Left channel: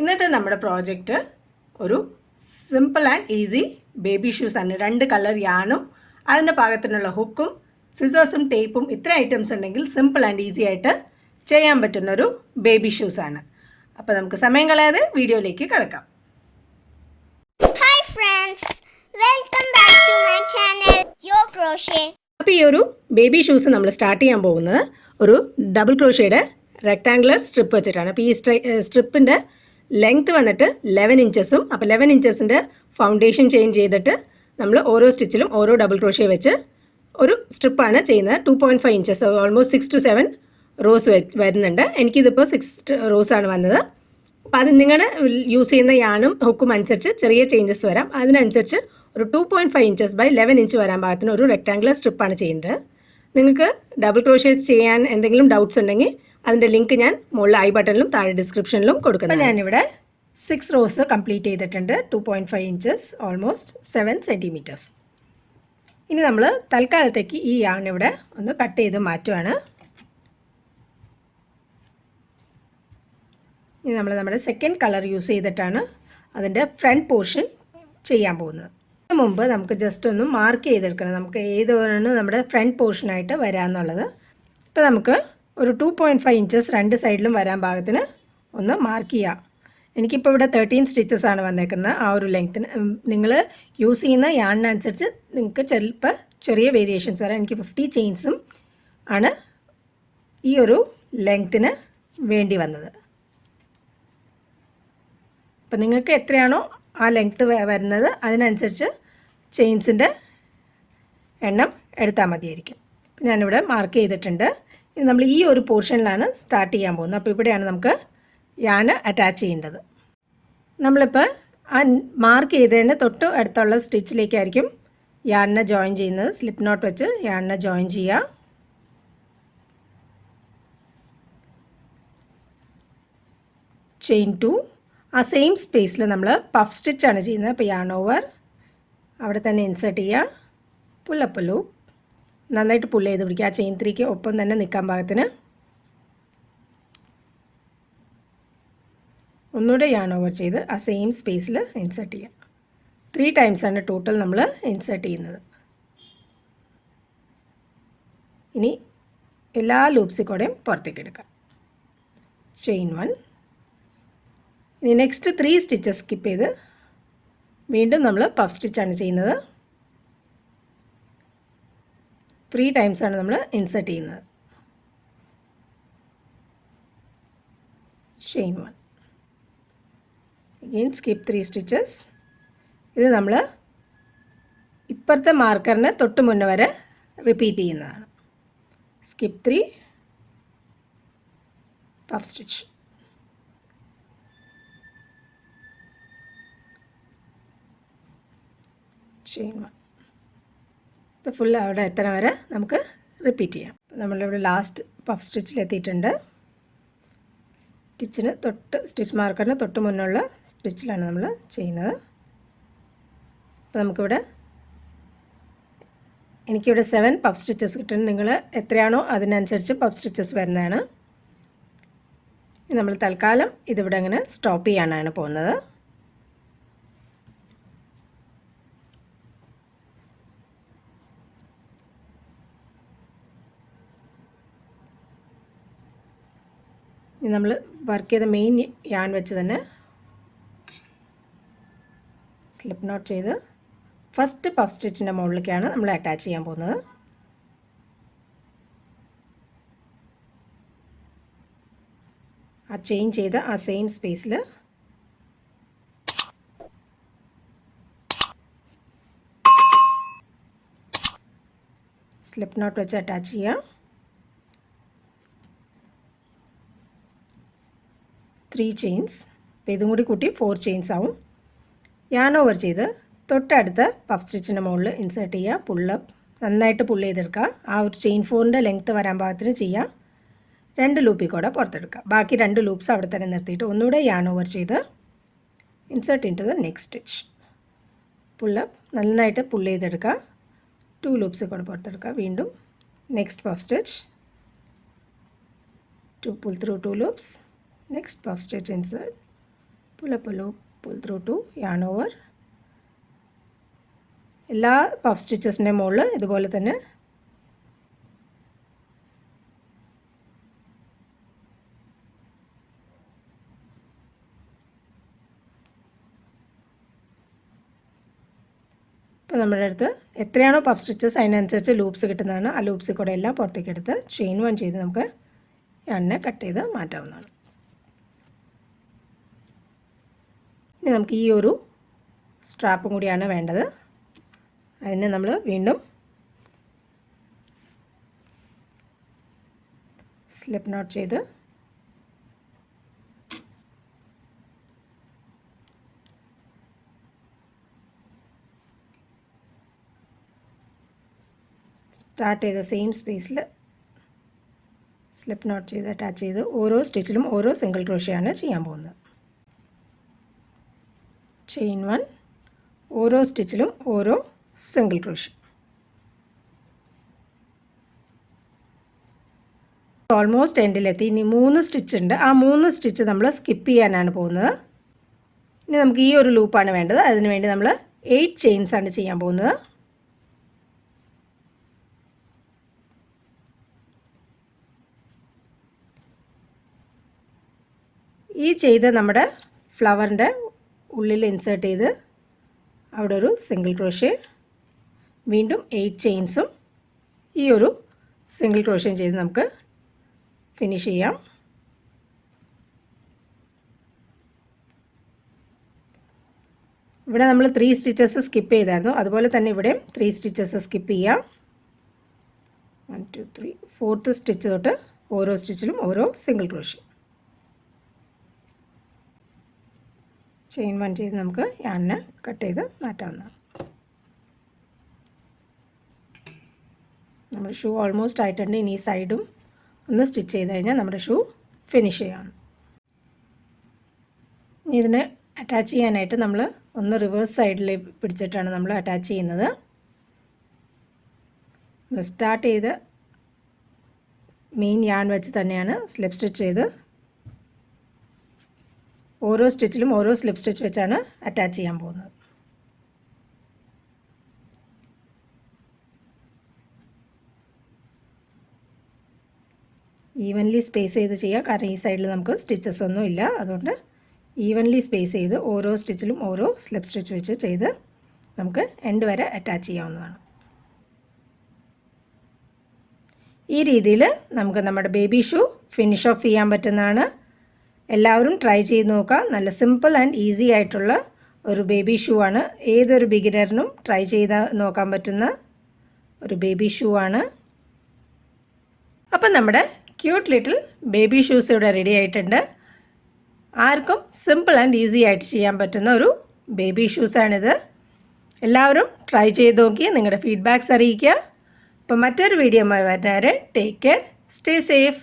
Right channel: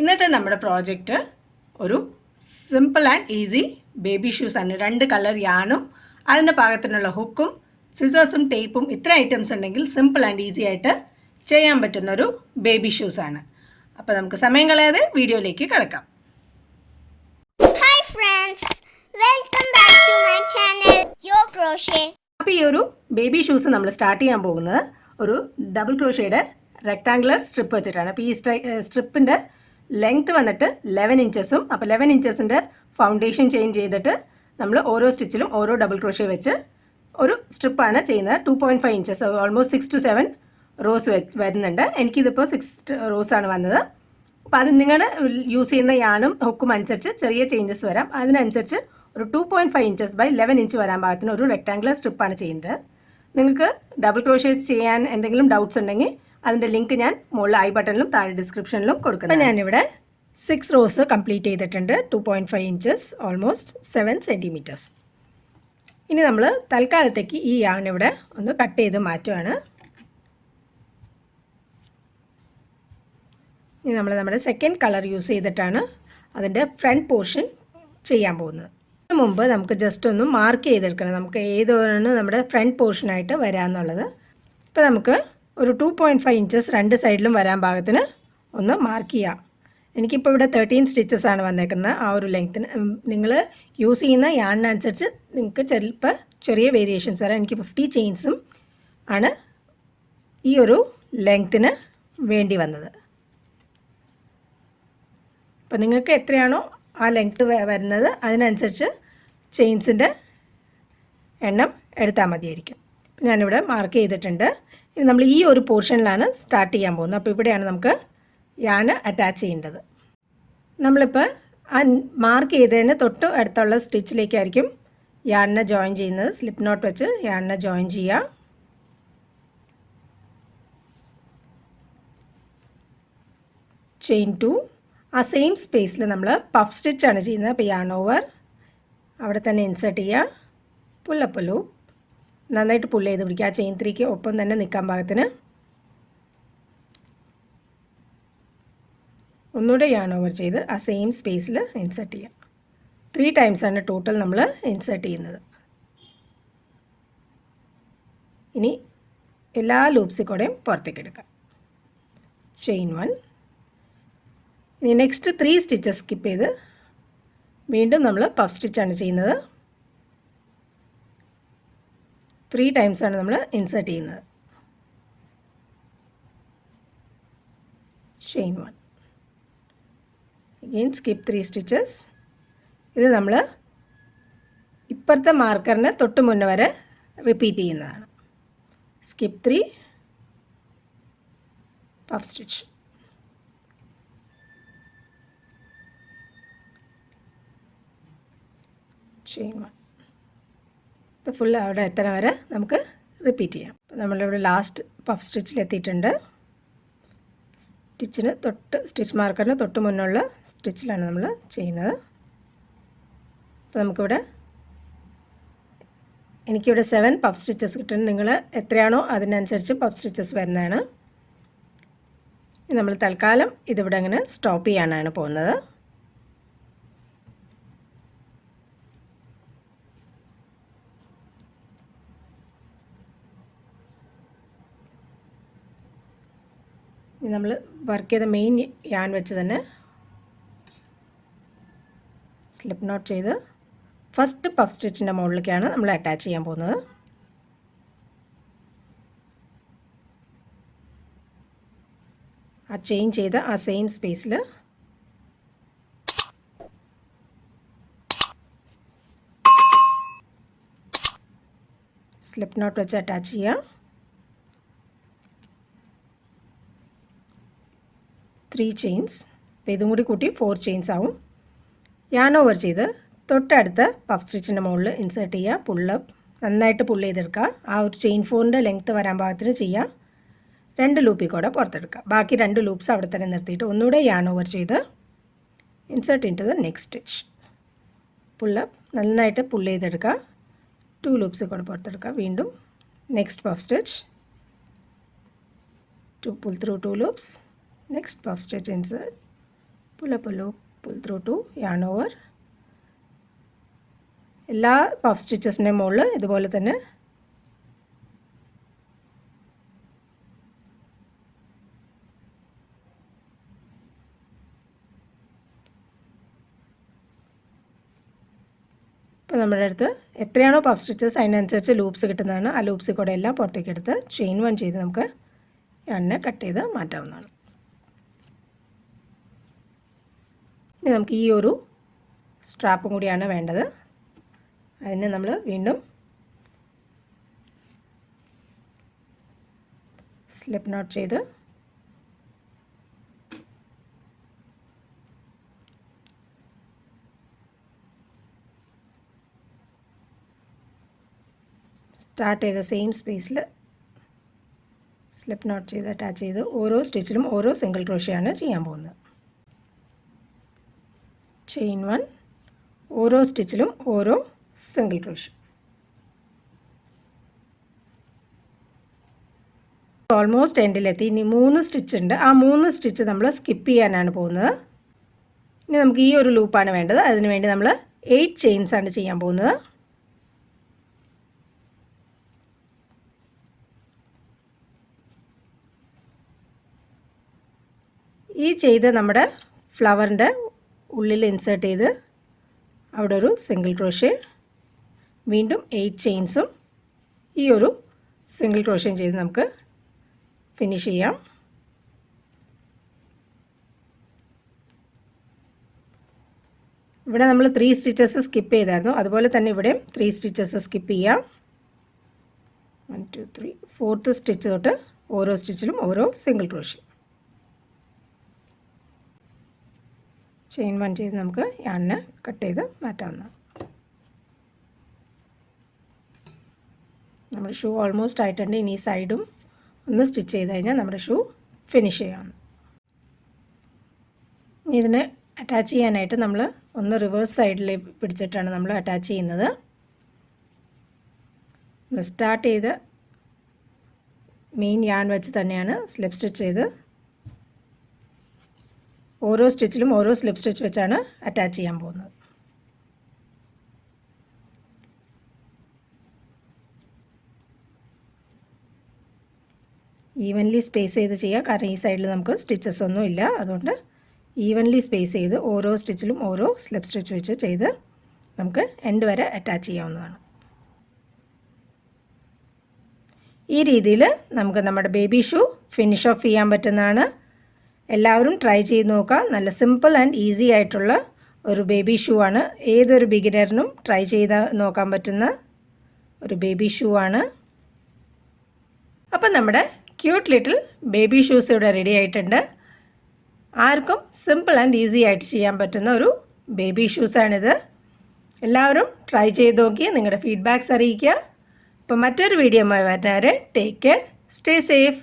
ഇന്നത്തെ നമ്മുടെ പ്രോജക്റ്റ് ഒരു simple and easy baby shoes ആണ്. 2 കളർ യാണും അതിൻ്റെ പാകത്തിനുള്ള ഹുക്കും സിസേഴ്സും ടേപ്പും ഇത്ര ഐറ്റംസ് ഉണ്ടെങ്കിൽ സിമ്പിൾ ആൻഡ് ഈസി ആയിട്ട് ചെയ്യാൻ പറ്റുന്നൊരു ബേബി ഷൂസ് ആണ്. അപ്പോൾ നമുക്ക് സമയം കളയാതെ വീഡിയോയിലേക്ക് കിടക്കാം. അപ്പോൾ ഈ ഒരു ബേബി ഷൂസ് നമ്മൾ സ്റ്റാർട്ട് ചെയ്യാൻ പോകുന്നത് ഒരു ഡബിൾ ക്രോഷയുടെ റെക്ടാങ്കുലർ സ്ട്രിപ്പ് വെച്ചിട്ടാണ്. അപ്പോൾ ഈ സ്ട്രിപ്പിൻ്റെ ലെങ്ത് വന്നിട്ട് 11 ഇഞ്ചസും. അപ്പോൾ 11 ഇഞ്ചസിൻ്റെ ഫൗണ്ടേഷൻ ചേഞ്ച് ചെയ്തിട്ട് നമ്മൾ ഓരോ സ്റ്റിച്ചിലും ഓരോ ഡബിൾ ക്രോഷേ വെച്ച് ഒരു സ്ട്രിപ്പാണ് ചെയ്യുന്നത്. 2.5 ഇഞ്ചസ്, ഓൾമോസ്റ്റ് 6 to 7 റോസ് വരുന്നുണ്ട്. എനിക്കിതിപ്പോൾ 6 റോസാണ് വന്നത്. അപ്പോൾ അത് നിങ്ങളുടെ യൂസ് ചെയ്യുന്ന യാണും ഹുക്കും അനുസരിച്ച് ചെറിയ ചേഞ്ചസ് വരാം. അതിനനുസരിച്ച് ഒരു 2.5 ഇഞ്ചസ് ബൈ 11 ഇഞ്ച് വരാൻ പാകത്തിന് ഒരു റെക്ടാങ്കുലർ സ്ട്രിപ്പാണ് ചെയ്യുന്നത്. നിങ്ങൾക്ക് ഡബിൾ ക്രോഷേസ് ചെയ്യാൻ എന്തെങ്കിലും ഡൗട്ട്സ് ഉണ്ടെങ്കിൽ അതിൻ്റെ ലിങ്ക് ഞാൻ മുകളിൽ ഐ ബട്ടണിലും താഴെ ഡിസ്ക്രിപ്ഷനിലും കൊടുക്കുന്നു. ഞാനിവിടെ 6 റോസ് കംപ്ലീറ്റ് ചെയ്തിട്ടുണ്ട്. 2.5 ഇഞ്ചസ്, ഓൾമോസ്റ്റ് 7 സെൻറ്റിമീറ്റേഴ്സ്. ഇനി നമ്മൾ തൽക്കാലത്തേക്ക് ഈ യാൺ ഇവിടെ ഒന്ന് കട്ട് ചെയ്ത് മാറ്റുവാണ്. ഇനി നമ്മൾ നമ്മുടെ സെക്കൻഡ് കളർ യൂസ് ചെയ്തിട്ടാണ് അതിൻ്റെ ഫ്രണ്ട് പോർഷൻ ചെയ്യാൻ പോകുന്നത്. അതിന് മുമ്പ് നമുക്ക് ജസ്റ്റ് ഒന്ന് മാർക്ക് ചെയ്തെടുക്കണം, നമുക്ക് ഏതാണ് നമ്മുടെ ഫ്രണ്ട് പോർഷനായിട്ട് വരാമെന്നുള്ളത്. ഇപ്പോൾ നമുക്ക് ഒരു 2.5 ഇഞ്ചസ് രണ്ട് സൈഡിലും വരാൻ പാകത്തിന് ഒന്ന് മാർക്ക് ചെയ്യാം. എനിക്കിപ്പോൾ ഇവിടെ 13 സ്റ്റിച്ചസ് ആണ് വന്നേക്കുന്നത്. ആ ഒരു ലെങ്ത്തിന് നിങ്ങൾ യൂസ് ചെയ്യുന്ന യാണിനനുസരിച്ച് നിങ്ങൾക്ക് ചിലപ്പോൾ ചെറിയ വേരിയേഷൻസ് വരാം. എനിക്ക് 50 ചെയിൻസും ആണ് ഈ ഒരു ലെങ്ത്തിന് വേണ്ടി വന്നത്. അപ്പോൾ നിങ്ങൾക്ക് എത്രയാണോ ആ ലെങ്ത്ത് വരുന്നത് അതിനനുസരിച്ച് ചെയിൻസിൻ്റെ എണ്ണം എടുത്താൽ മതിയായിരിക്കും. ഞാനിവിടെ മാർക്ക് ചെയ്തിട്ടുണ്ട്. ഇനി നമ്മൾ ഈ ഒരു പോർഷനിലാണ് സ്റ്റാർട്ട് ചെയ്യാൻ പോകുന്നത്. അപ്പോൾ ഇവിടെയാണ് നമുക്ക് യാന് അറ്റാച്ച് ചെയ്യേണ്ടത്. നമ്മളിപ്പോൾ ആ മാർക്ക് ചെയ്തതിന് തൊട്ട് അടുത്തുള്ള സ്റ്റിച്ചിലേക്കായിരിക്കും യാണിനെ ജോയിൻ ചെയ്യുന്നത്. സ്ലിപ്പ് നോട്ട് വെച്ച് യാണിനെ ജോയിൻ ചെയ്യാം. ചെയിൻ 2. ആ സെയിം സ്പേസിൽ നമ്മൾ പഫ് സ്റ്റിച്ചാണ് ചെയ്യുന്നത്. അപ്പോൾ യാൺ ഓവർ അവിടെ തന്നെ ഇൻസേർട്ട് ചെയ്യുക. പുല്ലപ്പ് ലൂപ്പ് നന്നായിട്ട് പുല്ല് ചെയ്ത് പിടിക്കുക. ആ ചെയിൻ 3ക്ക് ഒപ്പം തന്നെ നിൽക്കാൻ പാകത്തിന് ഒന്നുകൂടെ യാൺ ഓവർ ചെയ്ത് ആ സെയിം സ്പേസിൽ ഇൻസേർട്ട് ചെയ്യുക. 3 ടൈംസാണ് ടോട്ടൽ നമ്മൾ ഇൻസേർട്ട് ചെയ്യുന്നത്. ഇനി എല്ലാ ലൂപ്സിൽ കൂടെയും പുറത്തേക്ക് എടുക്കാം. ചെയിൻ 1. ഇനി നെക്സ്റ്റ് 3 സ്റ്റിച്ചസ് സ്കിപ്പ് ചെയ്ത് വീണ്ടും നമ്മൾ പഫ് സ്റ്റിച്ചാണ് ചെയ്യുന്നത്. 3 ടൈംസാണ് നമ്മൾ ഇൻസേർട്ട് ചെയ്യുന്നത്. ചെയിൻ 1. Again skip 3 stitches. ഇത് നമ്മൾ ഇപ്പുറത്തെ മാർക്കറിന് തൊട്ട് മുന്നേ വരെ റിപ്പീറ്റ് ചെയ്യുന്നതാണ്. Skip 3 puff stitch. ചെയിൻ 1. ഇത് ഫുൾ അവിടെ എത്തണ വരെ നമുക്ക് റിപ്പീറ്റ് ചെയ്യാം. നമ്മളിവിടെ ലാസ്റ്റ് പഫ് സ്റ്റിച്ചിലെത്തിയിട്ടുണ്ട്. സ്റ്റിച്ച് മാർക്കറിന് തൊട്ട് മുന്നുള്ള സ്റ്റിച്ചിലാണ് നമ്മൾ ചെയ്യുന്നത്. അപ്പോൾ നമുക്കിവിടെ എനിക്കിവിടെ 7 പഫ് സ്റ്റിച്ചസ് കിട്ടും. നിങ്ങൾ എത്രയാണോ അതിനനുസരിച്ച് പഫ് സ്റ്റിച്ചസ് വരുന്നതാണ്. നമ്മൾ തൽക്കാലം ഇതിവിടെ ഇങ്ങനെ സ്റ്റോപ്പ് ചെയ്യാനാണ് പോകുന്നത്. നമ്മൾ വർക്ക് ചെയ്ത മെയിൻ യാൺ വെച്ച് തന്നെ സ്ലിപ്പ് നോട്ട് ചെയ്ത് ഫസ്റ്റ് പഫ് സ്റ്റിച്ചിൻ്റെ മുകളിലേക്കാണ് നമ്മൾ അറ്റാച്ച് ചെയ്യാൻ പോകുന്നത്. ആ ചെയിൻ ചെയ്ത് ആ സെയിം സ്പേസിൽ സ്ലിപ്പ് നോട്ട് വെച്ച് അറ്റാച്ച് ചെയ്യാം. 3 ചെയിൻസ്. അപ്പോൾ ഇതും കൂടി കൂട്ടി 4 ചെയിൻസ് ആവും. യാൺ ഓവർ ചെയ്ത് തൊട്ടടുത്ത് പഫ് സ്റ്റിച്ചിൻ്റെ മുകളിൽ ഇൻസേർട്ട് ചെയ്യുക. പുള്ളപ്പ് നന്നായിട്ട് പുള്ള് ചെയ്തെടുക്കുക. ആ ഒരു ചെയിൻ 4ൻ്റെ ലെങ്ത്ത് വരാൻ പാകത്തിന് ചെയ്യുക. 2 ലൂപ്പിൽ കൂടെ പുറത്തെടുക്കുക. ബാക്കി 2 ലൂപ്സ് അവിടെ തന്നെ നിർത്തിയിട്ട് ഒന്നുകൂടെ യാൺ ഓവർ ചെയ്ത് insert into the next stitch. Pull up നന്നായിട്ട് പുള്ള് ചെയ്തെടുക്കുക. 2 ലൂപ്സ് കൂടെ പുറത്തെടുക്കുക. വീണ്ടും next puff stitch. to pull through 2 loops. Next puff stitch insert, pull up a loop, pull through to yarn over. എല്ലാ puff സ്റ്റിച്ചസിൻ്റെ മുകളിൽ ഇതുപോലെ തന്നെ അപ്പോൾ നമ്മുടെ അടുത്ത് എത്രയാണോ പഫ് സ്റ്റിച്ചസ് അതിനനുസരിച്ച് ലൂപ്സ് കിട്ടുന്നതാണ്. ആ ലൂപ്സിൽ കൂടെ എല്ലാം പുറത്തേക്ക് എടുത്ത് ചെയിൻ 1 ചെയ്ത് നമുക്ക് എണ്ണ കട്ട് ചെയ്ത് മാറ്റാവുന്നതാണ്. ഇനി നമുക്ക് ഈ ഒരു സ്ട്രാപ്പും കൂടിയാണ് വേണ്ടത്. അതിന് നമ്മൾ വീണ്ടും സ്ലിപ്പ് നോട്ട് ചെയ്ത് സ്റ്റാർട്ട് ചെയ്ത സെയിം സ്പേസിൽ സ്ലിപ്പ് നോട്ട് ചെയ്ത് അറ്റാച്ച് ചെയ്ത് ഓരോ സ്റ്റിച്ചിലും ഓരോ സിംഗിൾ ക്രോഷ്യാണ് ചെയ്യാൻ പോകുന്നത്. ചെയിൻ 1, ഓരോ സ്റ്റിച്ചിലും ഓരോ സിംഗിൾ ക്രോഷ്യ. ഓൾമോസ്റ്റ് എൻഡിലെത്തി. ഇനി 3 സ്റ്റിച്ച് ഉണ്ട്. ആ 3 സ്റ്റിച്ച് നമ്മൾ സ്കിപ്പ് ചെയ്യാനാണ് പോകുന്നത്. ഇനി നമുക്ക് ഈ ഒരു ലൂപ്പാണ് വേണ്ടത്. അതിന് വേണ്ടി നമ്മൾ 8 ചെയിൻസ് ആണ് ചെയ്യാൻ പോകുന്നത്. ഈ ചെയ്ത നമ്മുടെ ഫ്ലവറിൻ്റെ ഉള്ളിൽ ഇൻസേർട്ട് ചെയ്ത് അവിടെ ഒരു സിംഗിൾ ക്രോഷ്യ, വീണ്ടും 8 ചെയിൻസും ഈ ഒരു സിംഗിൾ ക്രോഷ്യം ചെയ്ത് നമുക്ക് ഫിനിഷ് ചെയ്യാം. ഇവിടെ നമ്മൾ 3 സ്റ്റിച്ചസ് സ്കിപ്പ് ചെയ്തായിരുന്നു. അതുപോലെ തന്നെ ഇവിടെയും 3 സ്റ്റിച്ചസ് സ്കിപ്പ് ചെയ്യാം. 1 2 3 4th സ്റ്റിച്ച് തൊട്ട് ഓരോ സ്റ്റിച്ചിലും ഓരോ സിംഗിൾ ക്രോഷ്യം. ചെയിൻ 1 ചെയ്ത് നമുക്ക് യാണിനെ കട്ട് ചെയ്ത് മാറ്റാവുന്നതാണ്. നമ്മുടെ ഷൂ ഓൾമോസ്റ്റ് ആയിട്ടുണ്ട്. ഇനി സൈഡും ഒന്ന് സ്റ്റിച്ച് ചെയ്ത് കഴിഞ്ഞാൽ നമ്മുടെ ഷൂ ഫിനിഷ് ചെയ്യാം. ഇനി ഇതിനെ അറ്റാച്ച് ചെയ്യാനായിട്ട് നമ്മൾ ഒന്ന് റിവേഴ്സ് സൈഡിൽ പിടിച്ചിട്ടാണ് നമ്മൾ അറ്റാച്ച് ചെയ്യുന്നത്. സ്റ്റാർട്ട് ചെയ്ത് മെയിൻ യാൺ വെച്ച് തന്നെയാണ് സ്ലിപ്പ് സ്റ്റിച്ച് ചെയ്ത് ഓരോ സ്റ്റിച്ചിലും ഓരോ സ്ലിപ്പ് സ്റ്റിച്ച് വെച്ചാണ് അറ്റാച്ച് ചെയ്യാൻ പോകുന്നത്. ഈവൻലി സ്പേസ് ചെയ്ത് ചെയ്യുക. കാരണം ഈ സൈഡിൽ നമുക്ക് സ്റ്റിച്ചസ് ഒന്നും ഇല്ല. അതുകൊണ്ട് ഈവൻലി സ്പേസ് ചെയ്ത് ഓരോ സ്റ്റിച്ചിലും ഓരോ സ്ലിപ്പ് സ്റ്റിച്ച് വെച്ച് ചെയ്ത് നമുക്ക് എൻഡ് വരെ അറ്റാച്ച് ചെയ്യാവുന്നതാണ്. ഈ രീതിയിൽ നമുക്ക് നമ്മുടെ ബേബി ഷൂ ഫിനിഷ് ഓഫ് ചെയ്യാൻ പറ്റുന്നതാണ്. എല്ലാവരും ട്രൈ ചെയ്ത് നോക്കുക. നല്ല സിമ്പിൾ ആൻഡ് ഈസി ആയിട്ടുള്ള ഒരു ബേബി ഷൂ ആണ്. ഏതൊരു ബിഗിനറിനും ട്രൈ ചെയ്ത് നോക്കാൻ പറ്റുന്ന ഒരു ബേബി ഷൂ ആണ്. അപ്പം നമ്മുടെ ക്യൂട്ട് ലിറ്റിൽ ബേബി ഷൂസ് ഇവിടെ റെഡി ആയിട്ടുണ്ട്. ആർക്കും സിമ്പിൾ ആൻഡ് ഈസി ആയിട്ട് ചെയ്യാൻ പറ്റുന്ന ഒരു ബേബി ഷൂസാണിത്. എല്ലാവരും ട്രൈ ചെയ്ത് നോക്കി നിങ്ങളുടെ ഫീഡ്ബാക്ക്സ് അറിയിക്കുക. അപ്പോൾ മറ്റൊരു വീഡിയോയുമായി വരുന്നവരെ ടേക്ക് കെയർ, സ്റ്റേ സേഫ്.